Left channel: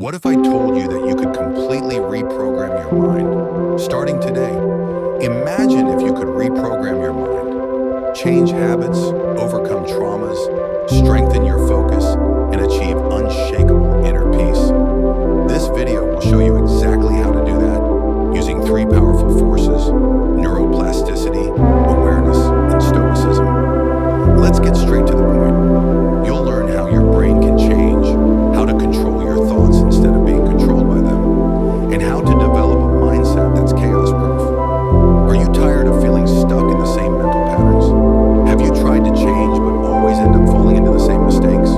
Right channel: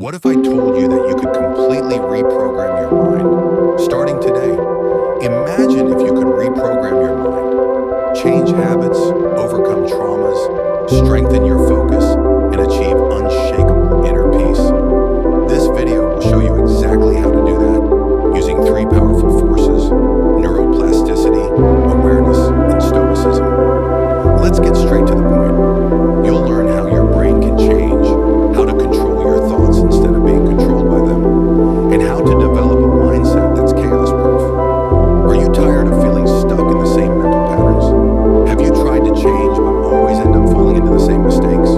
What if I told you that you could completely reprogram your mind, starting today? Imagine if you could reprogram your mind, change habits, overcome traumas, strengthen your focus, and achieve unshakable inner peace. This video will show you exactly how to do that using three powerful forces: neuroplasticity, awareness, and stoicism. Let's get straight to the point. You'll learn how your brain can change, how to control your thoughts instead of being controlled by them, and how to develop a mindset that's chaos-proof. Are you tired of feeling stuck in the same mental patterns? Have you tried to change but always end up falling into the same mistakes?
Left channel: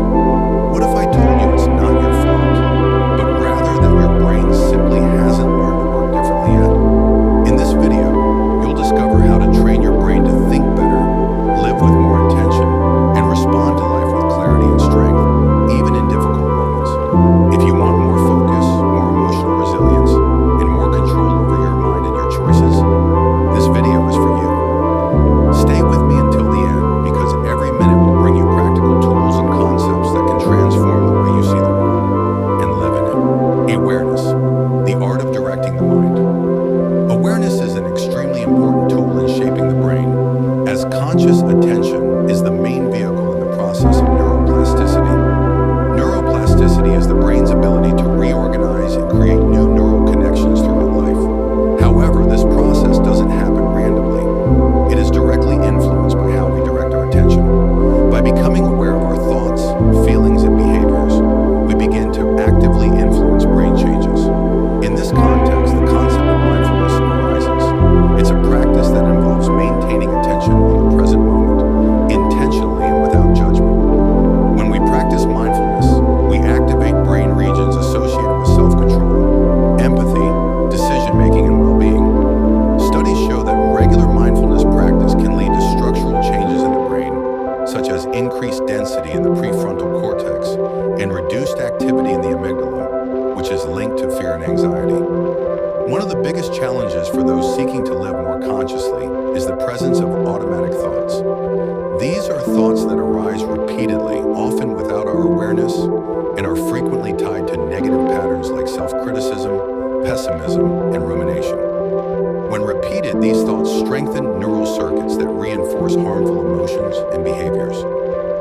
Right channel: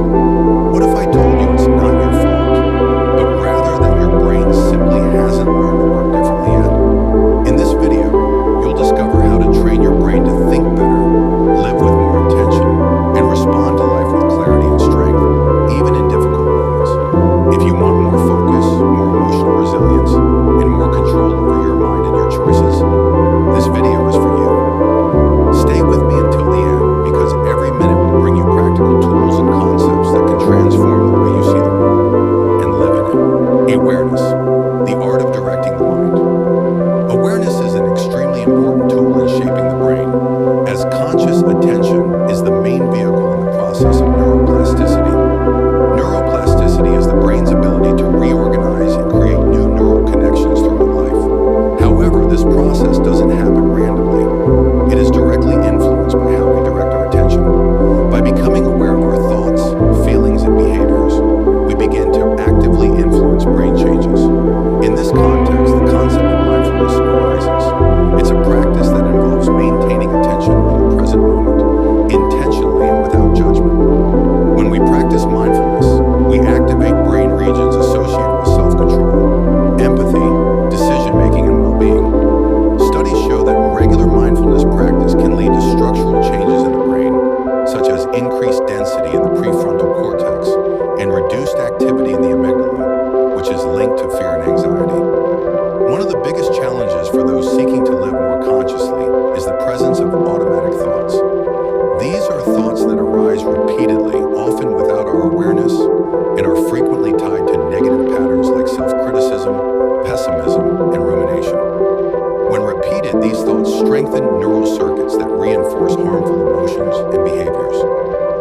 What if I told you it's not your fault, but rather that your brain simply hasn't learned to work differently yet? In this video, you'll discover how to train your brain to think better, live with more intention, and respond to life with clarity and strength, even in difficult moments. If you want more focus, more emotional resilience, and more control over your mind and your choices, this video is for you. Stay with me until the end, because every minute will bring you practical tools and concepts that can transform the way you see the world and live in it. Awareness, the art of directing the mind. Awareness is an extremely important tool in shaping the brain, as conscious attention is the main vehicle in the process of neuroplasticity. Neuroplasticity is the brain's ability to reorganize and create new neural connections throughout life. However, this process doesn't happen randomly. It is directly influenced by how we direct our attention. By becoming aware of our thoughts, feelings, and behaviors, we begin to actively influence brain changes. In this context, the concept of mindfulness arises. It's a practice that involves maintaining attention on the present moment, intentionally and without judgment. When we practice mindfulness, we activate brain regions associated with self-control, empathy, decision-making, and well-being. Studies show that regular mindfulness practice can lead to structural changes in the brain, such as increased density in the prefrontal cortex and reduced activity in the amygdala, which is linked to fear and anxiety. One of the biggest challenges for those seeking to live more consciously is the presence of automatic thoughts. These are thoughts that arise repeatedly, often without our awareness, and are frequently tied to negative patterns like self-criticism, pessimism, and rumination. When repeated, these thoughts strengthen neural circuits that reinforce harmful emotions and behaviors.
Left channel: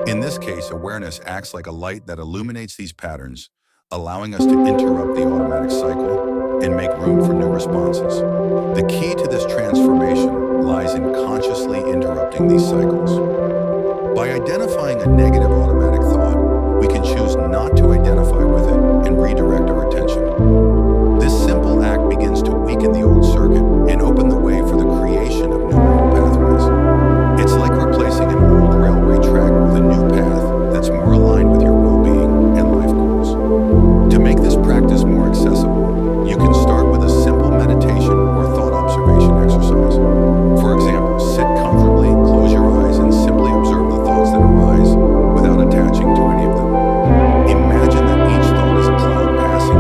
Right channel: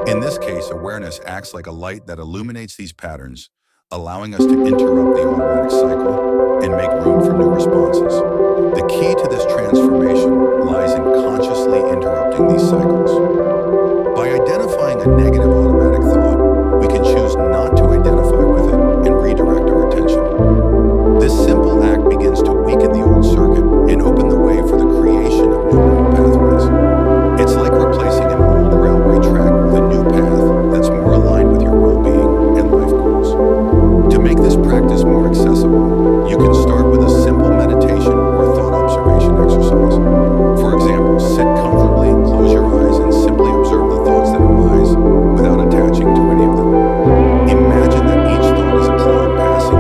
In this case, awareness acts like a light that illuminates these patterns, allowing us to interrupt the automatic cycle and make room for new responses. The key to this transformation lies in consciously interrupting these cycles. By identifying a negative automatic thought, we can choose not to identify with it and redirect our attention. This simple act begins to weaken the old circuit and open the way for the creation of new neural pathways. It's like replacing an old railway track with a new path that's more aligned with your well-being and life goals. To make this practice more accessible, you can start with a simple meditation or thought observation exercise. For example, sit comfortably, close your eyes, and simply observe the thoughts that arise without attaching to any of them. Imagine that each thought is a cloud passing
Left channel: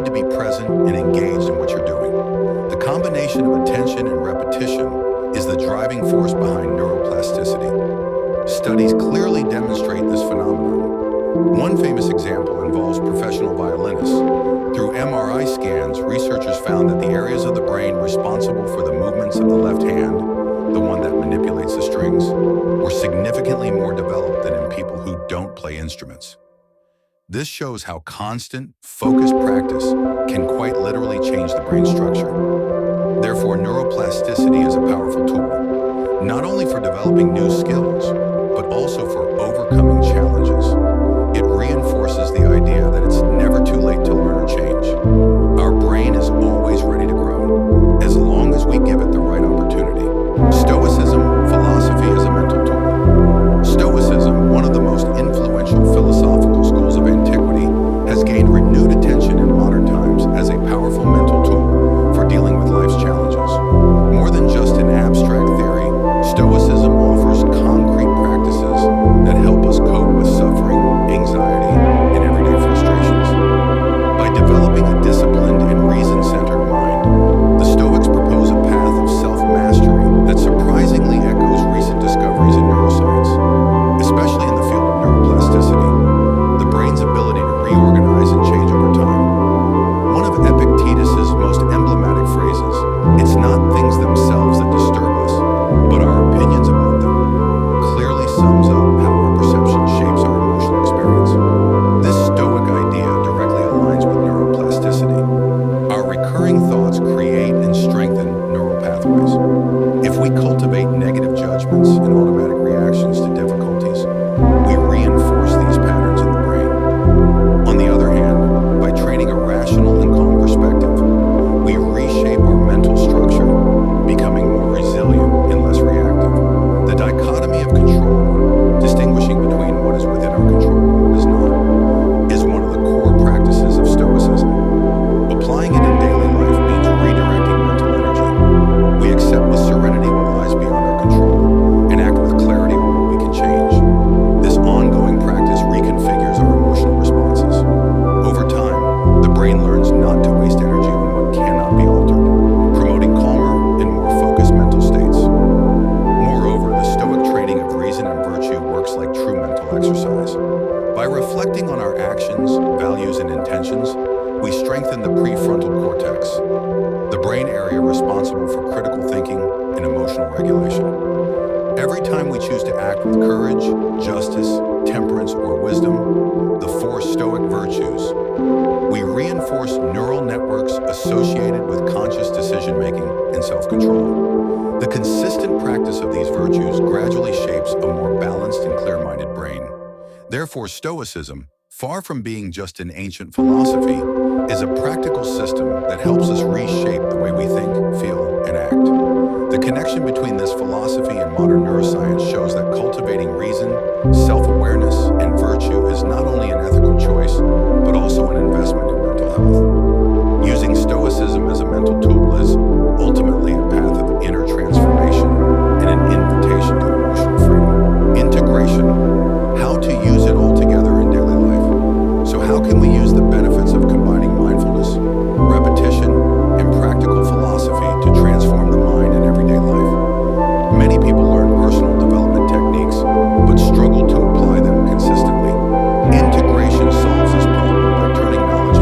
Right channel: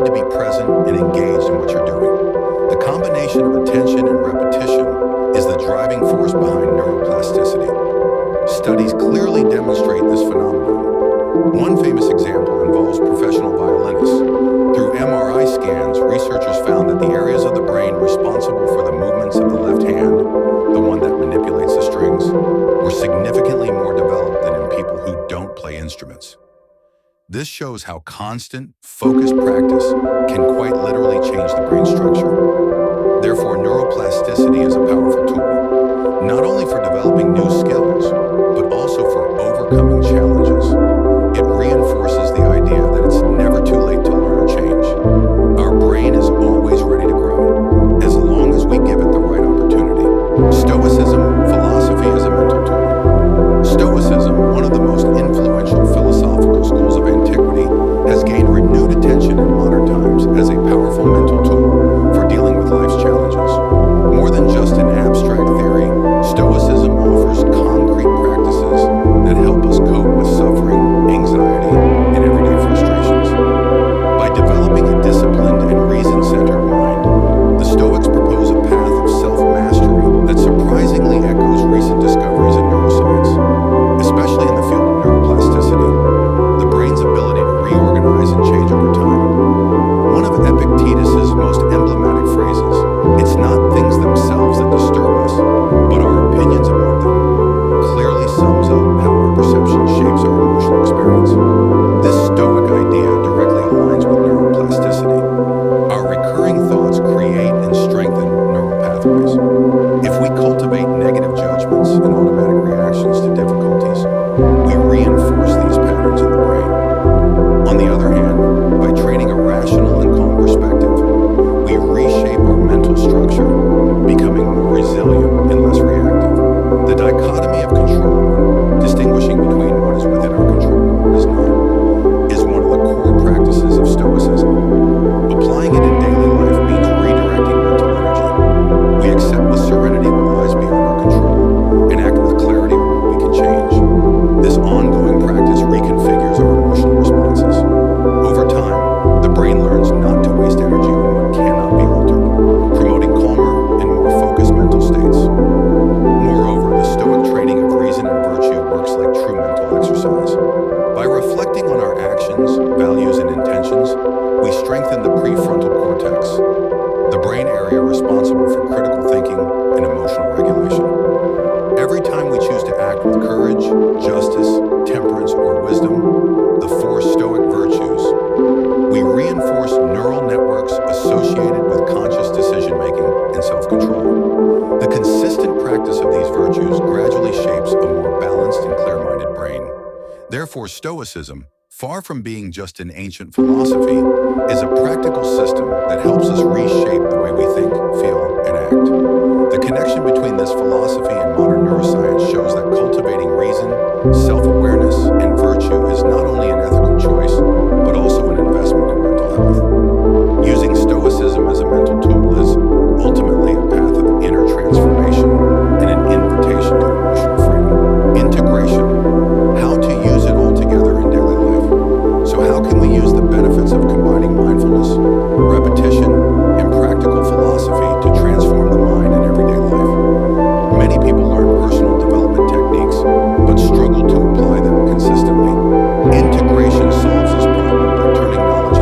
need to be present and engaged in what you're doing. The combination of attention and repetition is the driving force behind neuroplasticity. Studies clearly demonstrate this phenomenon. One famous example involves professional violinists. Through MRI scans, researchers found that the areas of the brain responsible for the movements of the left hand, the one that manipulates the strings, were significantly more developed than in people who don't play instruments. This shows how constant, focused practice can quite literally change the brain structure. Therefore, neuroplasticity is a powerful tool, not only for developing new skills, but also for overcoming challenges. It reinforces the idea that it's never too late to learn or change. Our brain is always ready to grow, as long as we give it the right opportunity. Stoicism philosophy as a mental tool. Stoicism, one of the most influential philosophical schools of antiquity, has gained renewed attention in modern times as a powerful mental tool for dealing with life's challenges. More than just an abstract theory, Stoicism offers concrete practices that help us cope with suffering, anxiety, and everyday frustrations. By developing a disciplined and reason-centered mind, the Stoics propose a path of self-mastery that surprisingly echoes recent discoveries in neuroscience, especially in the field of neuroplasticity, the brain's ability to reorganize and change over time. One of Epictetus's most emblematic phrases, "It's not things themselves that disturb us, but our opinions about them," clearly sums up how our perception shapes our emotional experience. This Stoic idea directly aligns with neuroplasticity. Our recurring thoughts create and strengthen neural pathways. If we cultivate negative judgments and automatic reactions to difficulties, we reinforce these patterns in the brain. On the other hand, by training a rational and calm perspective, we reshape our mental structure, becoming more resilient and less reactive. The dichotomy of control, distinguishing between what is within our control and what is not, is one of the core practices of Stoicism. Applying it in daily life means redirecting mental energy. We accept with serenity what lies beyond our control and act with clarity on what we can change. This ongoing practice reconfigures our emotional responses. Over time, the brain learns not to waste energy on what cannot be altered, promoting calmer and more focused mental states. Moreover, the Stoic training of reason and virtue works like true mental exercise. By reflecting on our actions, values, and intentions, we strengthen the prefrontal cortex, the brain area responsible for critical thinking and emotional regulation. Every time we choose to act with courage, justice, temperance, or wisdom, the four Stoic virtues, we reinforce neural networks associated with conscious decision-making and self-control. The consistent practice of these virtues gradually shapes a more balanced and clear-minded brain. Therefore, Stoicism, far from being just an ancient philosophy, is a practical system that helps us reshape the way we think, feel, and act. The connection between this philosophy and modern neuroscience shows that cultivating reason, self-awareness, and virtue is not only an ethical choice, but also an investment in mental health. Using Stoicism as a mental tool is ultimately a path of inner transformation and an invitation to emotional freedom. Integration, how to use it all together in daily life. So how can we use the benefits of combining mindfulness, repetition, and practical philosophy to transform the mind in everyday life? Many people learn personal development techniques, but struggle to apply them consistently. Integration solves this problem by turning knowledge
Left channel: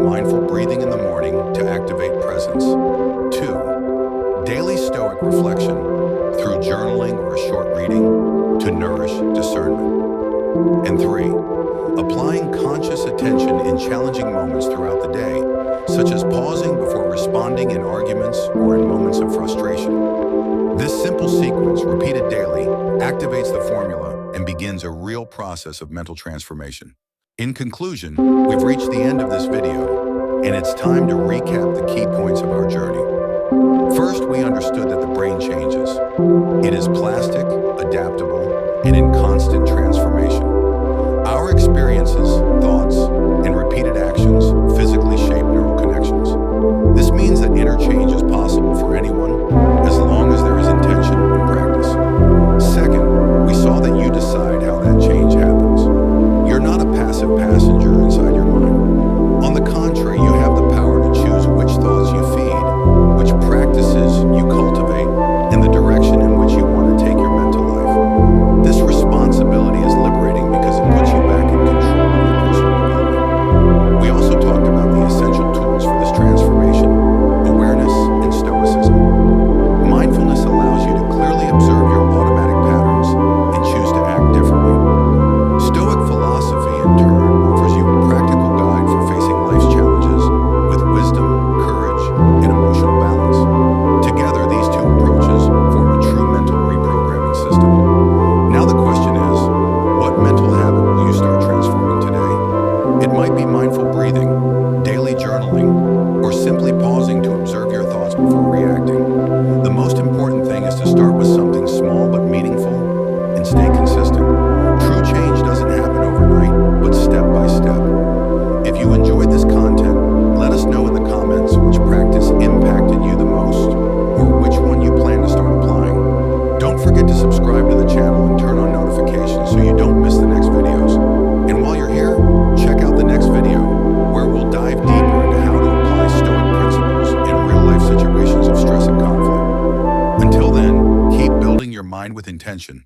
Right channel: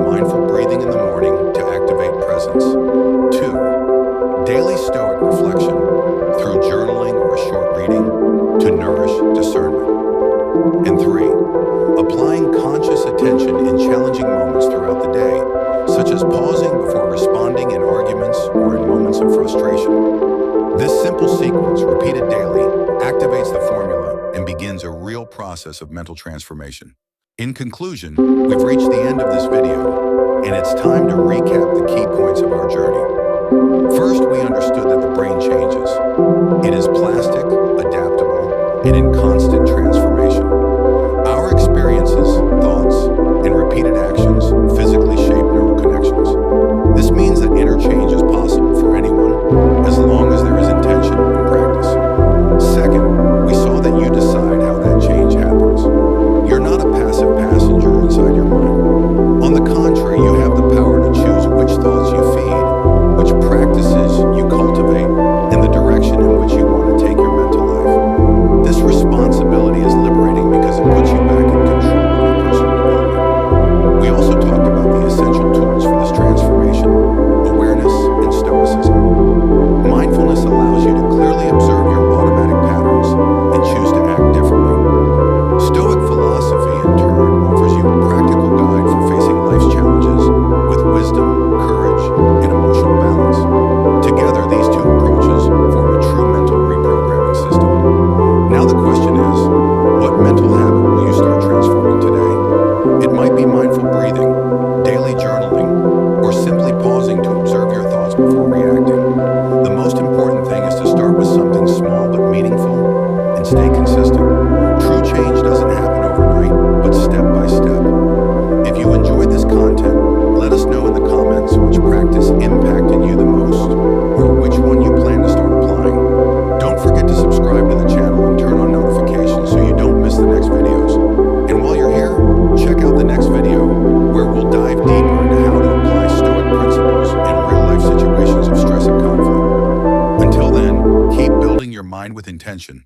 mindful breathing in the morning to activate presence. 2. Daily Stoic reflection through journaling or a short reading to nourish discernment. And 3. Applying conscious attention in challenging moments throughout the day, such as pausing before responding in arguments or in moments of frustration. This simple sequence, repeated daily, activates the formula and begins a real process of mental transformation. In conclusion, we've reached the end of this video, and it's time to recap the key points of our journey. First, we understood that the brain changes. It is plastic, adaptable, and in constant transformation. Our experiences, thoughts, and repeated actions physically shape neural connections. This means that inner change is possible for anyone as long as there is intention and practice. Second, we saw that you decide how that change happens. You're not a passive passenger inside your mind. On the contrary, you have the power to choose which thoughts you feed, which practices you cultivate, and the direction in which you want to take your mental life. This responsibility is liberating because it puts you back in control of your personal development. We also talked about the essential tools for this transformation: awareness and stoicism. Mindfulness allows you to clearly observe your automatic patterns and choose to act differently. Stoic philosophy, in turn, offers you a practical guide for facing life's challenges with wisdom, courage, and emotional balance. Together, these two approaches form a true mental reprogramming system. Now the question is, what mental habit will you start transforming today? It might be mindful breathing, daily journaling, or simply pausing to observe your thoughts before reacting. The most important thing is to start with something small but meaningful and stay consistent. True change doesn't happen overnight, but step by step. If you enjoyed this content, let us know in the comments which practice impacted you the most, or which one you plan to start applying. Don't forget to subscribe to the channel and turn on notifications so you don't miss the next videos. And while you're here, check out the next video, where we'll dive deeper into how to apply Stoic principles in real-life situations of stress and conflict. Until then, keep building your mind with intention.